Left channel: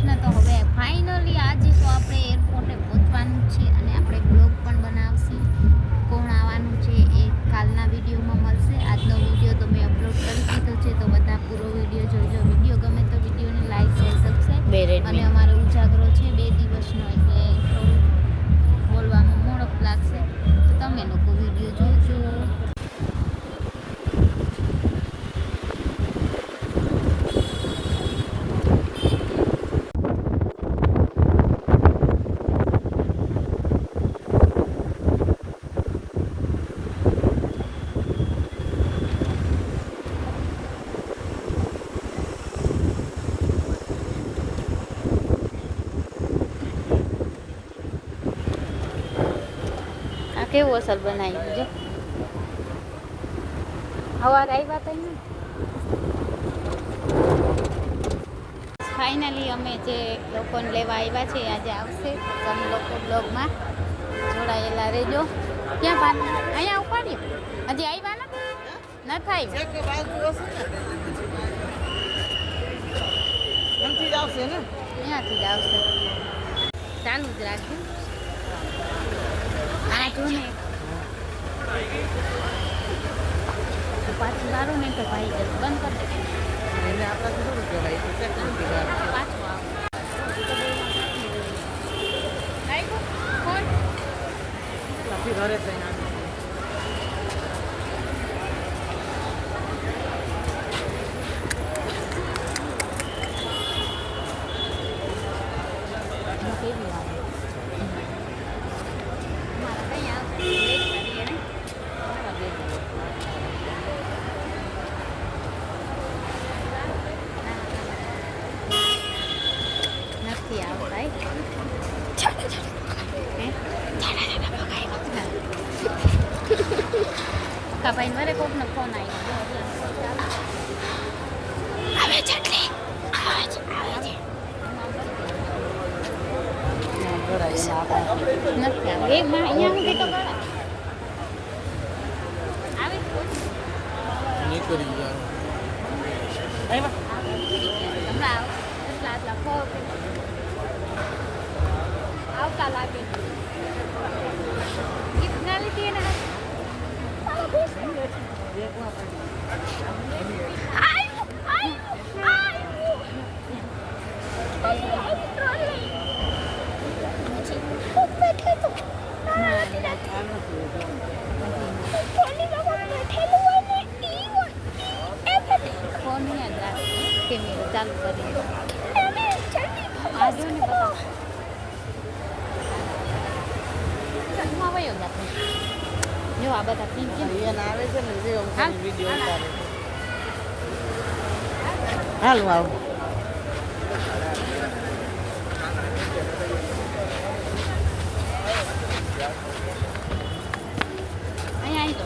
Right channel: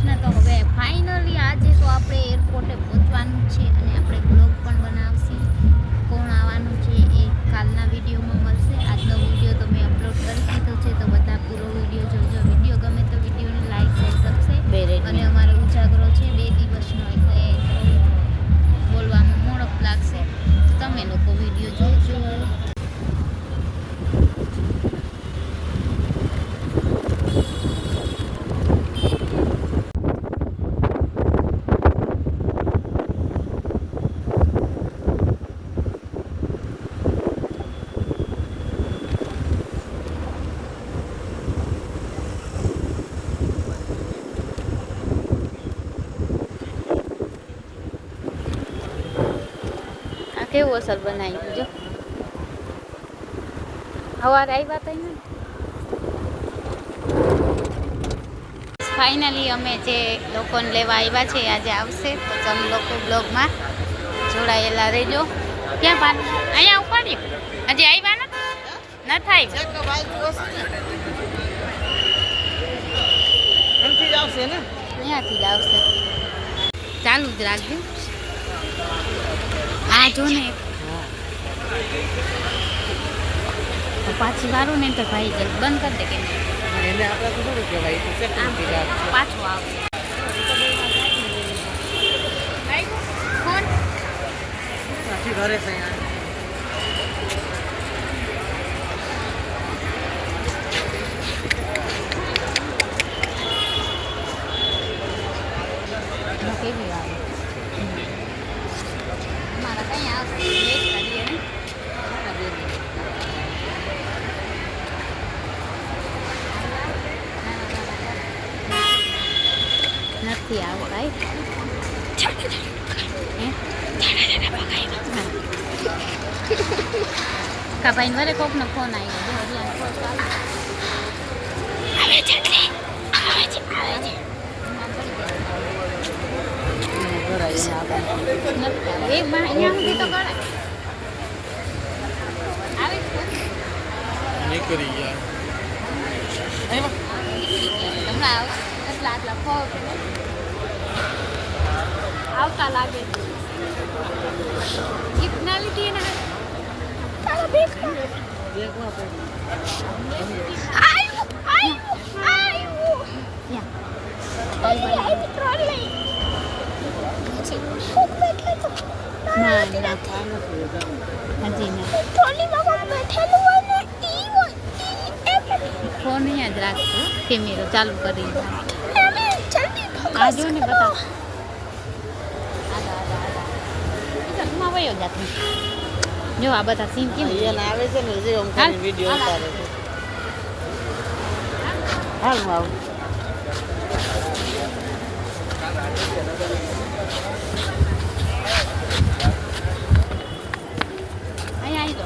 કૃષ્ણ. તો હવે ફાઇનલી આજે તો આપણે એરપોર્ટે પહોંચવાનું છે અને આપણે બ્લોગ પણ બનાવશી. કોણ આવવાનું છે એ કાલના વિડીયોમાં મળશે. આજનો વિડીયો તો મેં અપલોડ કરી દીધો છે, તો બધા પૂરો વિડીયો જોજો. વિડીયો ગમે તો વિડીયોને લાઈક શેર સબસ્ક્રાઈબ. અને અમારો ઉજાગરો છે 2 દિવસનો, એટલે થોડું બોલવામાં મોડપ લાગશે, તો તમે લોકો વિડીયો જોજો. કેવું અસર બનાવ્યું જો. સવારે આવ્યા હતા ને. ફાઇનલી અમે જે લોકોને લેવા આવ્યા છે આજે આવશે, તો તમે લોકો બ્લોગમાં જોડાયેલા રહેજો. ક્યાં પાન અહીંયા ઉપાડ્યું? હજી આવ્યા નથી આવ્યા. અહીંયાથી જ આવશે. ચાલુ જ રાખજો. આ જો ને પાછી વારું ને તો ભાઈ જલ્દી બંધ કરી દે કે એને આપણે થોડું કહેવાય પાછું આવશે. કોણ પાછી ઘરે છે કેવી આવે નથી આવો ભાઈ. કા ભાઈ મારે કોકનો ફોન આવ્યો. આવે છે આવતા લાગે ફોન યાદ રાખજો. કેમેરો ચાલુ કરી આજો ને બતાવો. જો આ બધા સીન કેમ આવે છે ને, જે વિડીયો ઉતારે છે. હાલ આવું અહીંયા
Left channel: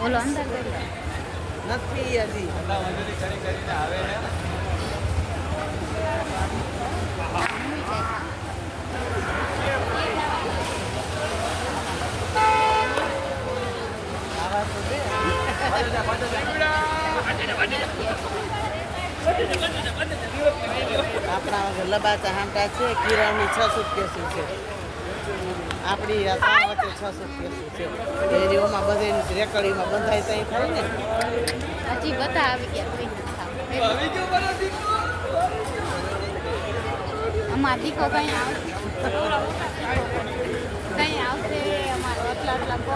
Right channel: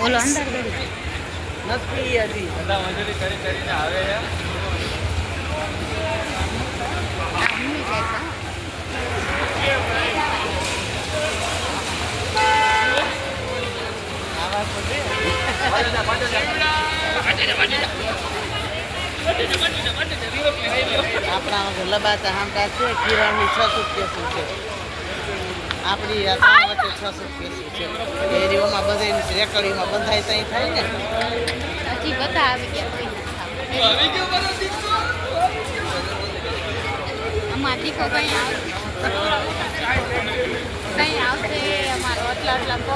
બોલો અંદર નથી હજી બધા મજૂરી કરીને આવે છે. આપણા લબાચા હામટા છે. કિરણની 6 સુટકેસી છે. આપણી વચ્ચે 6 સુટકેસી છે. ડેરીઓમાં બધાની રેકડીમાં બંધાય ત્યાં થાય ને. હજી બધા આવી ગયા. અમારા દીકો કઈ આવશે. અમારો આટલા પગ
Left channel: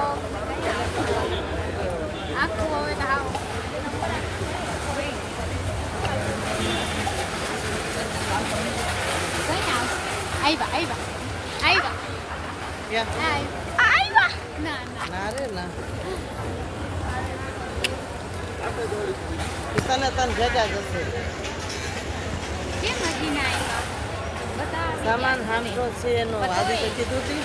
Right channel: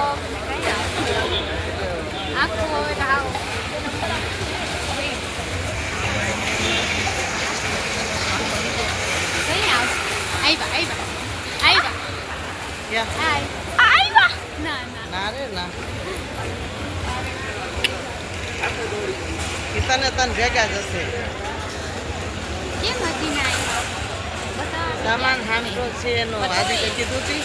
કઈ આવશે. આખું હવે આવો તને ભેગા જશે. સામાન હામટો છે એનો આદિ તો કીધું હતી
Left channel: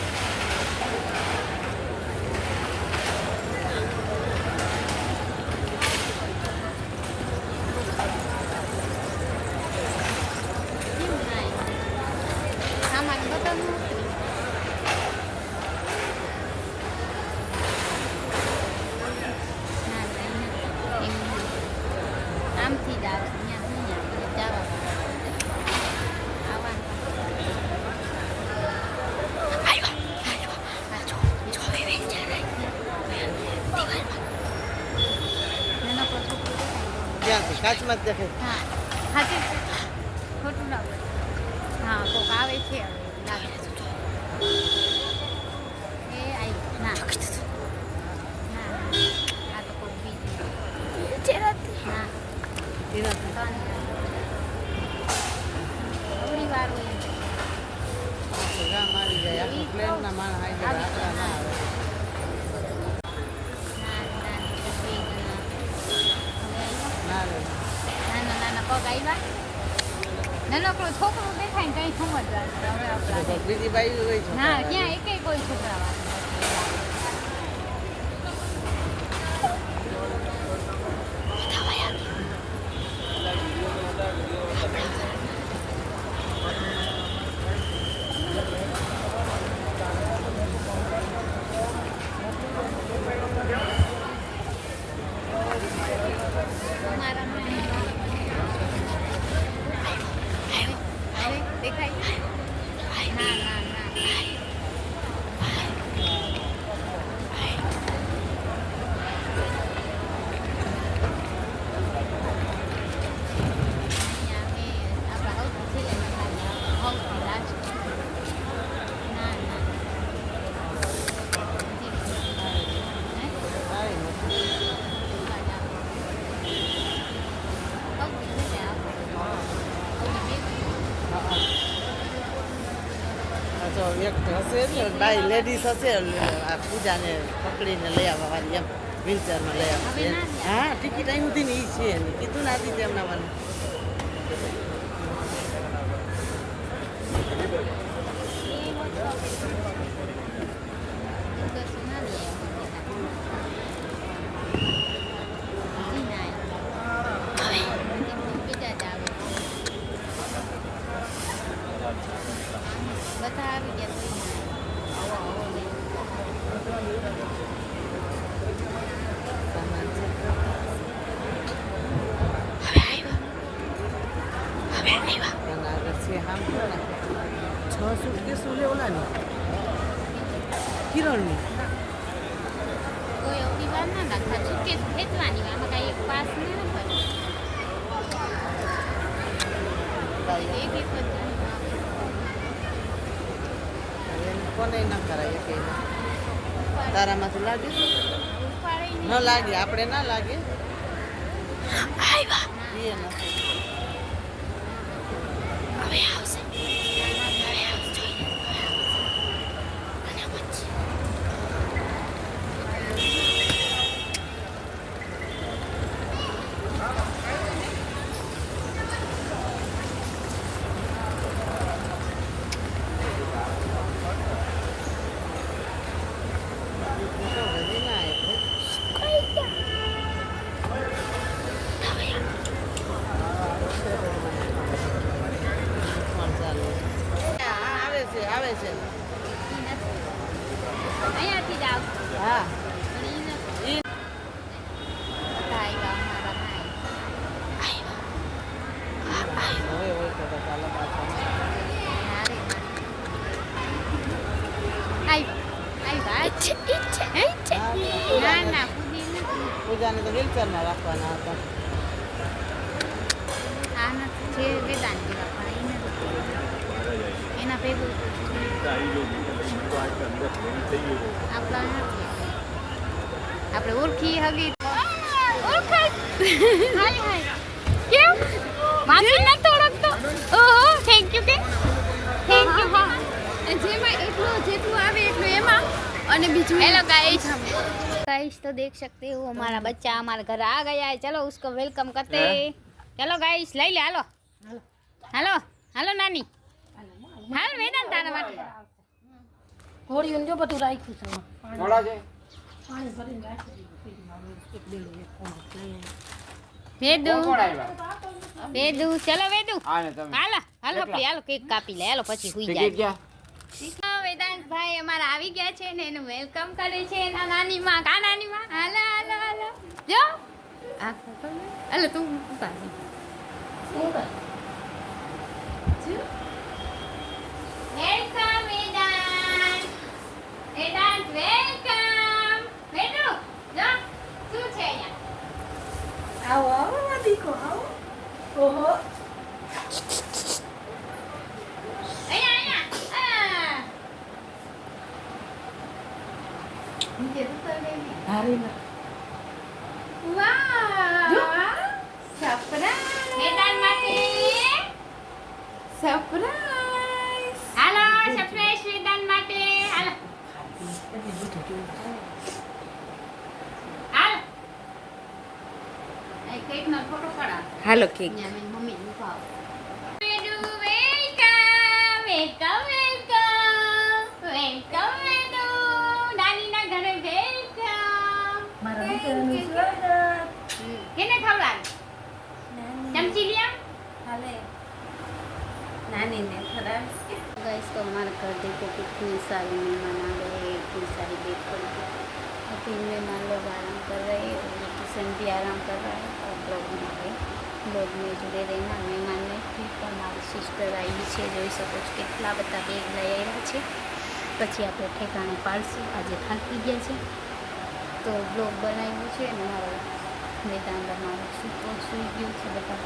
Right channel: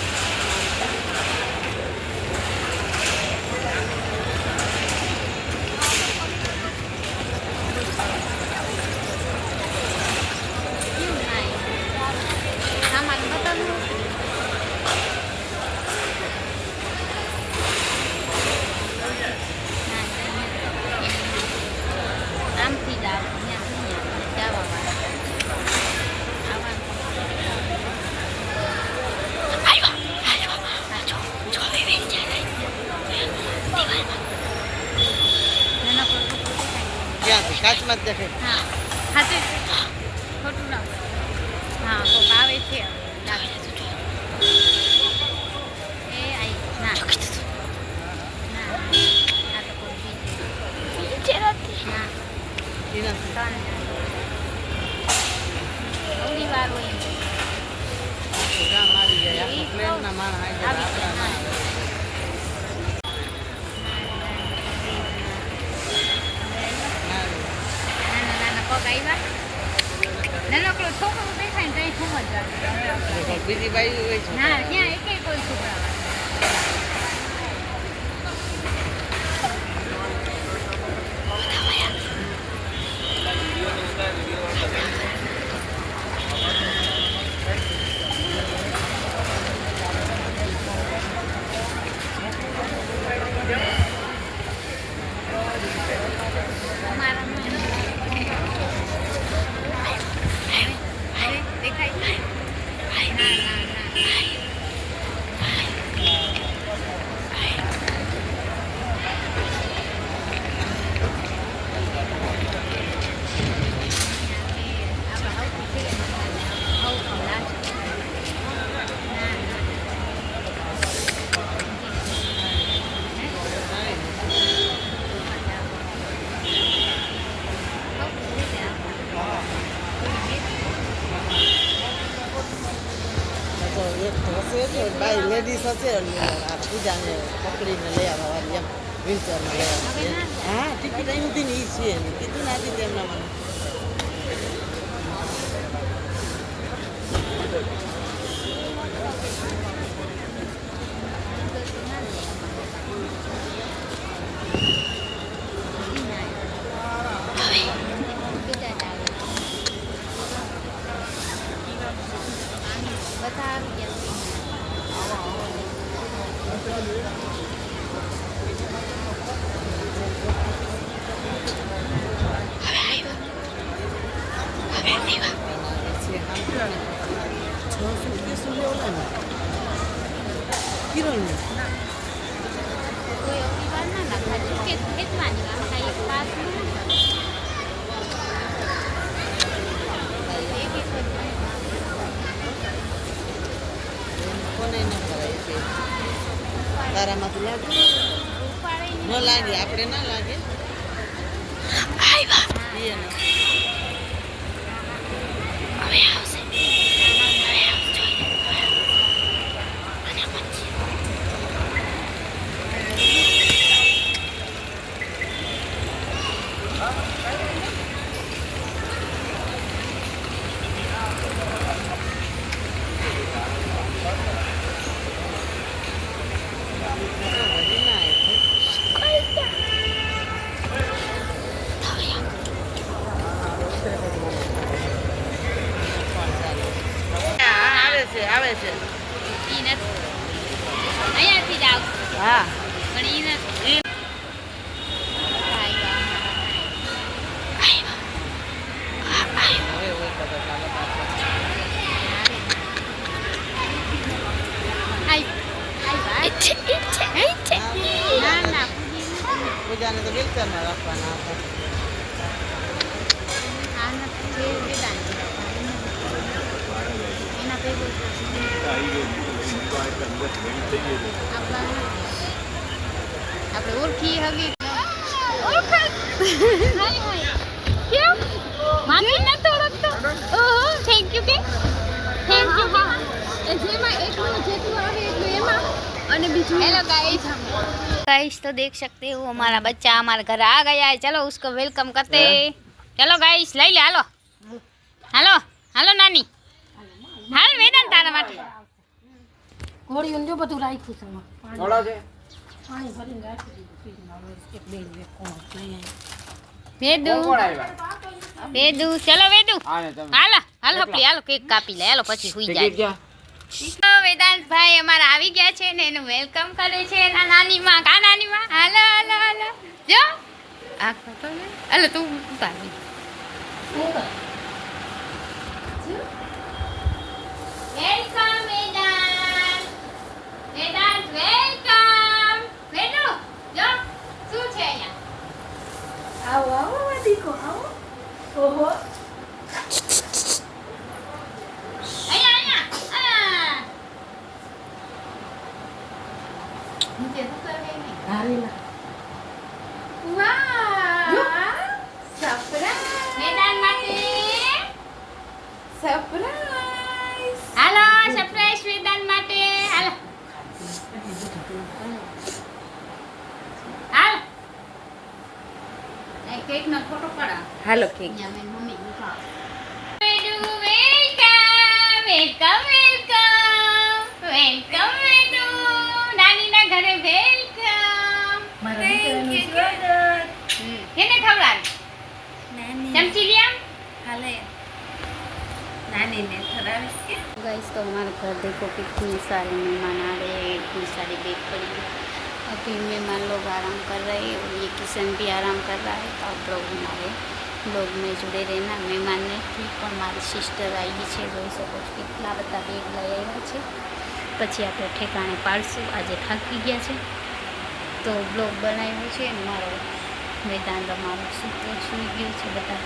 સામાન બતાવું આમથી જ આવે અહીંયા જવા ક્યાંથી કાચમાં જ દેખાય હા સાચું ખોટું ના હોય હા કોક આવે છે હવે લાગે એ આઈ ના ના આ તો કોક બીજું ના એનાથી અવળી વાર હોય એમ. આખું ગામ આવી જાય આખો પ્લેનના માણસ આવી જાય આવી જાય, આપણા નાના નાના પગ આવ્યા નાનકડો છોકરો દેખાય ને કઈ સમજવાનું હવે આપણા બીજી બાજુ હોય છે ના ત્યાં એકેય કોઈ છોકરા વાળા દેખાય ના ના ના તો એક હશે ને બાઈ લેડીઝ હશે આ પૂજાને પકડીને લઈ આવવા વાળી એમ વ્હીલચેરમાં લઈ આવવા હા ટિકિટ અહીં સુધી ને એ છે એની કીધું ને આપી તેમના મને બધા આવી ગયા કિરણની કોઈ અવળી વાર ના નાખવા ચૂકે ખેંચવાની આમાં કાંઈ એક પાસ ન કરે કોને ન કરાય કે તારામાં તો લાગે ન લાગે આપણે ના લાગે એ નથી હવે આવશે હવે આવશે અને પછી આવે છે ઈ નથી અહીંયાથી જ આવશે હા પણ ઈ નથી હોય હોય તો ચાલો પૂજાને તો વ્હીલચેરમાં રાખવાના આપણે ઓળખી હગી ઓળખાય કેમ માસી નતો ઓળખતો ઓહો થેન્ક યુ કે થેન્ક યુ હા જેમાં એટલું જેટલું આવે એટલું એમાં અને બીજું हेलो गाइस तो देख सकते हो हमारा बच्चा हमारे घर आ गया है चलो उसको वेलकम करते हैं चलो गाइस ले ले हेलो हेलो हेलो नानी હાલ વેદાંત તારા માટે ઘોડીઓ જો બધું રાખ્યું છે એમાં. થોડો છે પાણી ભરીને રાખી દીધું ફ્રીજમાં. હવે એક બે એક કોણ લઈ આવી. વેદુ કોણ આવ્યા વેદુ ચલો વેદુ હા ને તમે હાલો હાલો હપલી હાલો કેક કાપી લે હાલો પછી સુઈ ટિકિટ જાય ક્યાં વેદાંત ભાઈ અમારા આવી ગયા છે ને એનું વેલકમ કરે છે એના નાની માં કા નાની માં હાલો હાલો હાલો જો આ ખતો ને હાલો તું ઉતારી શું કર? વેલકમ વેદાંત વેદાંત વેલકમ વેદુ જો શું છે અહીંયા આવો આવો આ દીકો આવો. ઓહો અહીંયા અહીંયા નીચે હારીલા. વાહ સરપ્રાઈઝ વેદાંત માટે સરપ્રાઈઝ હાલો સરપ્રાઈઝ વેદાંત માટે હાલો હાલો એ કેક નો ફોટો પડા હાલો કેક અહીંયા મેં મમ્મી ઉઠાવ વેડુ વેલકમ વેલકમ વેલકમ વેલકમ વેડુ નાનીના ઘરે વેલકમ મારા દીકરાનું સ્વાગત. કેને ખવડાવ ચમચી લ્યા હાલે નાનીને ખરાવીશ કે गाइस तो हमारे घर देखो कितनी सारी मेहमान आ रहे हैं इतनी सारी बेड पड़ी है अभी मेहमान लोग आराम कर रहे हैं और ये किशन भी आराम कर रहा है तो आप लोग हमारे ब्लॉग में जुड़े रहना મહેમાન નથી પણ મારી સિસ્ટર આવી છે જોઈ શકો છો કેટલા બધા બેગ લઈ આવ્યા છે પછી આપણે ઠેકાણે પાડશું આજે થાકી ગયા છે તો બ્લોગ બનાવ્યો છે અને મારો વેદાંત અમારો સૂતો સૂઈ ગયો છે બધા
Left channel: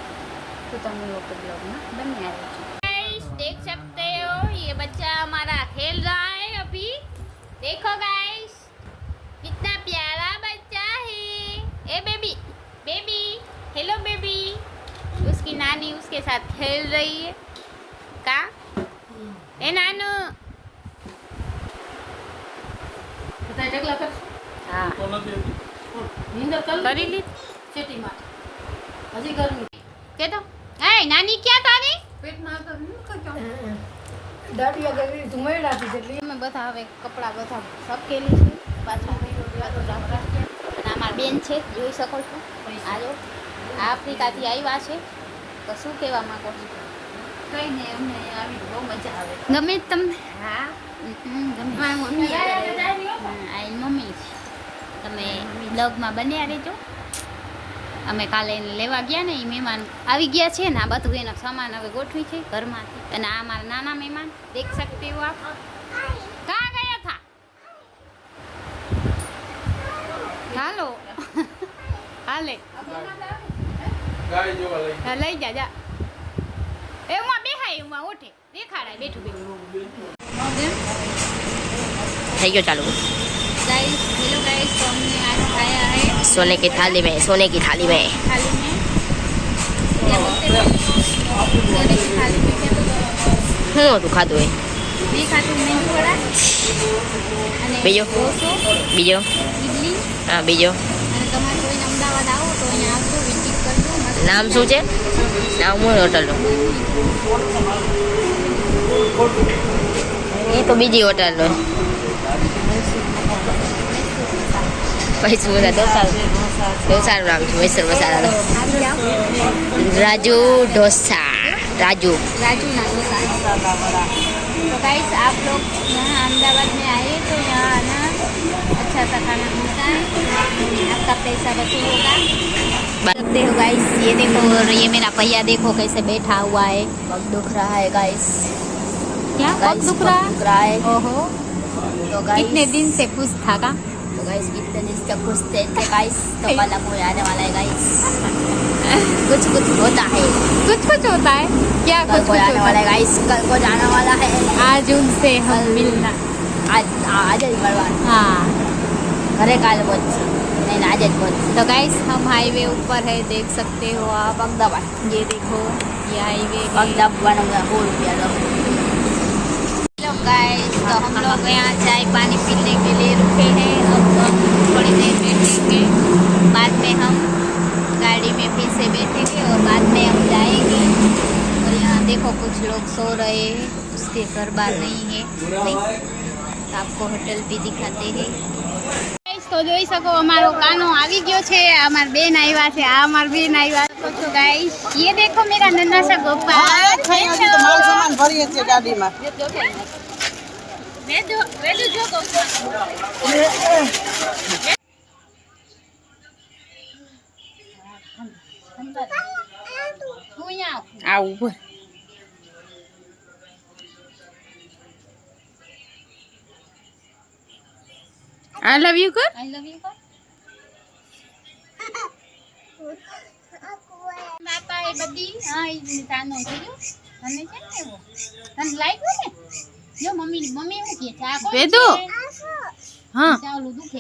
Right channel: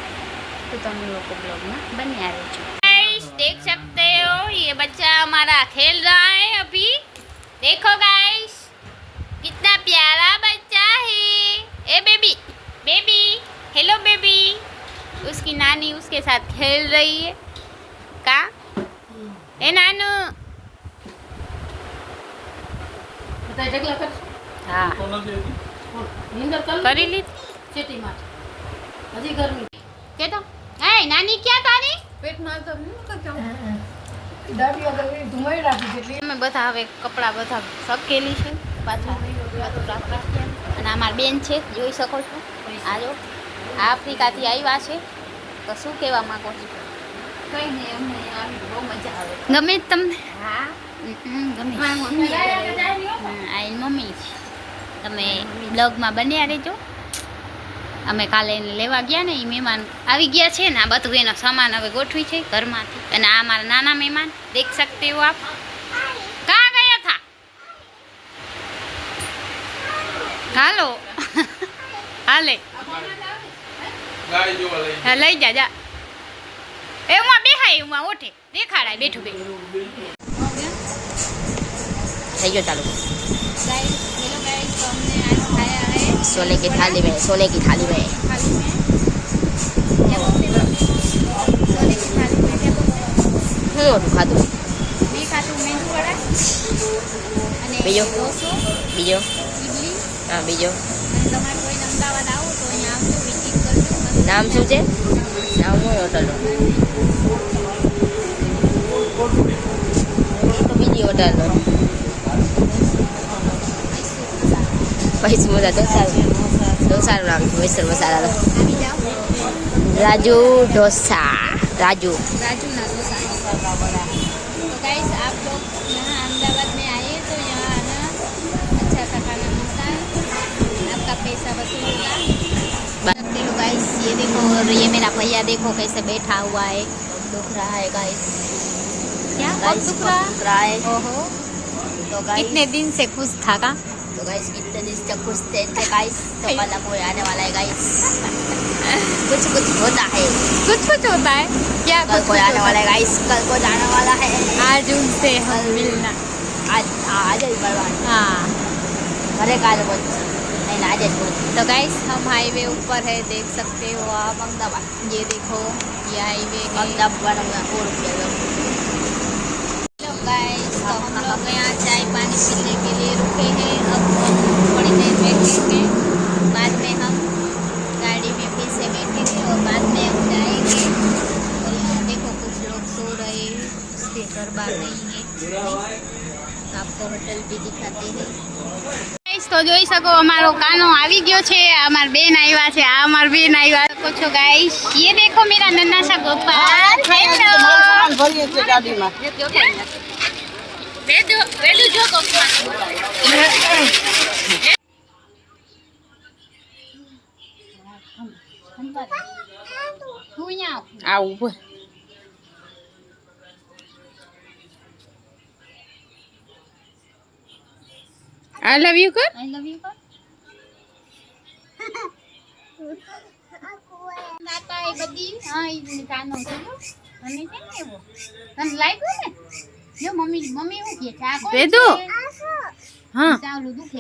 तो तुम लोग को ब्लॉग में बनिया रहो गाइस देख सकते हो ये बच्चा हमारा खेल रहा है अभी देखो गाइस कितना प्यारा बच्चा है ए बेबी बेबी हेलो बेबी उसकी नानी उसके साथ खेल रही है का ए नानू બધા ઢગલા કર. हाँ નીંદર કર करी ली ચેટી માટે હજી ગરમી के तो है नानी क्या तारी પેટ ના તો દાડિયા ગરમી ધુમાઈડાથી જેટલી અમે બધા હવે કપડાં બધા સકેલી છે પાછા રાખી અને અમારી બેન છે જોઈ શકો છો આ જો આ આફ્રિકાથી આવ્યા છે તો શું કહેવા માંગો છો કઈ નહીં અમને આવી બહુ મજા આવે. ગમે તમને હા ગમે મારી મમ્મી આ એની મમ્મી છે તમે બ્લોગમાં બન્યા રહેજો અમે કાલે એને લેવા ગયા ને એ મહેમાન આવી ગયા છે ને આ બધું એનો સામાન હવે ગોઠવી છે ઘરમાંથી અને આ અમારા નાના મહેમાન દેખ सकते हो आप कहाँ गया था હાલો હાલે ગાડી જોવા લઈ હા લઈ જા જા એ ઉમાં બેહાય ઉમાં ઓઠે દેખાડાય બેઠું બેઠું થઈ ગયો ચાલુ गाइस हेलो गाइस तो हमने आज खाया है सोने की थाली में थाली में थाली में હું હતું ખાધું હોય ये खाते मेंदू वड़ा અને બીજો? ઢોસો, બીજો ઇડલી હા બીજો અને તમારે કોઈ અમદાવાદ આવો તો અહીંયા આવજો વિઝિટ કરજો મસ્ત નામ શું છે નામ હું હોટલનું એ તો બીજી હોટલનું પૈસું બધા ઢોસાનું નામ છે મૈસૂર મસાલા આવી જાઓ રાજુ ઢોસા રાજુ राजू ना डोसा तो गाइस आप लोग यहाँ अहमदाबाद में आए तो यहाँ आना अच्छा सा खाना मिलता है आपका पैसा वसूल होगा सकते हो गाइस ये देखो और ये मेरा भैया देखो कैसे बैठा हुआ है पग दुख रहा है गाइस क्या गाइस दुख रहा दुख रहा है ओहो तो गाइस कितने दिन से खुश था का तो गाइस कितने दिन से खुश थे गाइस तो कल कोई आने वाला है गाइस कुछ कुछ होता है कुछ कुछ होता है क्या कल कुछ कोई कुछ आने होता वाला है है गाइस कल को जाने वाला है आज उनसे हम मिलना आज आज ही बलवान हाँ घरे काल बोल नहीं आज ही बोल तो गाइस हम हाईवे ऊपर है देख सकते हो आप अहमदाबाद ये देखो ये हाईवे है अहमदाबाद में 100 रुपया दो हेलो गाइस तो हम लोग यहाँ चाय पानी पीने के लिए रुके हैं अब हम थोड़ी देर बैठेंगे बाद में हम गाड़ी में फिर से बैठेंगे और बाद में हम जाएंगे और यहाँ देखो कुछ लोग सो रहे हैं से घर बार नहीं है नहीं तो आपको होटल भी दिखाते हैं गाइस तो જોઈ શકો અમારો કાનો આવી ગયો છે અમાર બેન આવ્યા છે આ અમાર બેન આવ્યા શકો છો ગાइस ये देखो मेरा नन्हा सा गोपाल हेलो માલ સામાન ભરીએ છીએ ગાડીમાં વેડુ જો ગોપાલ હું આ ઉપર I love you kar I love you kar નાતા એ બધી હા ઈ તાનો છે જો અને છે ને એવો તને લાગ્યું ને જો મમ્મી શું કહે છે આ કોણ છે હા ચાલુ દુખે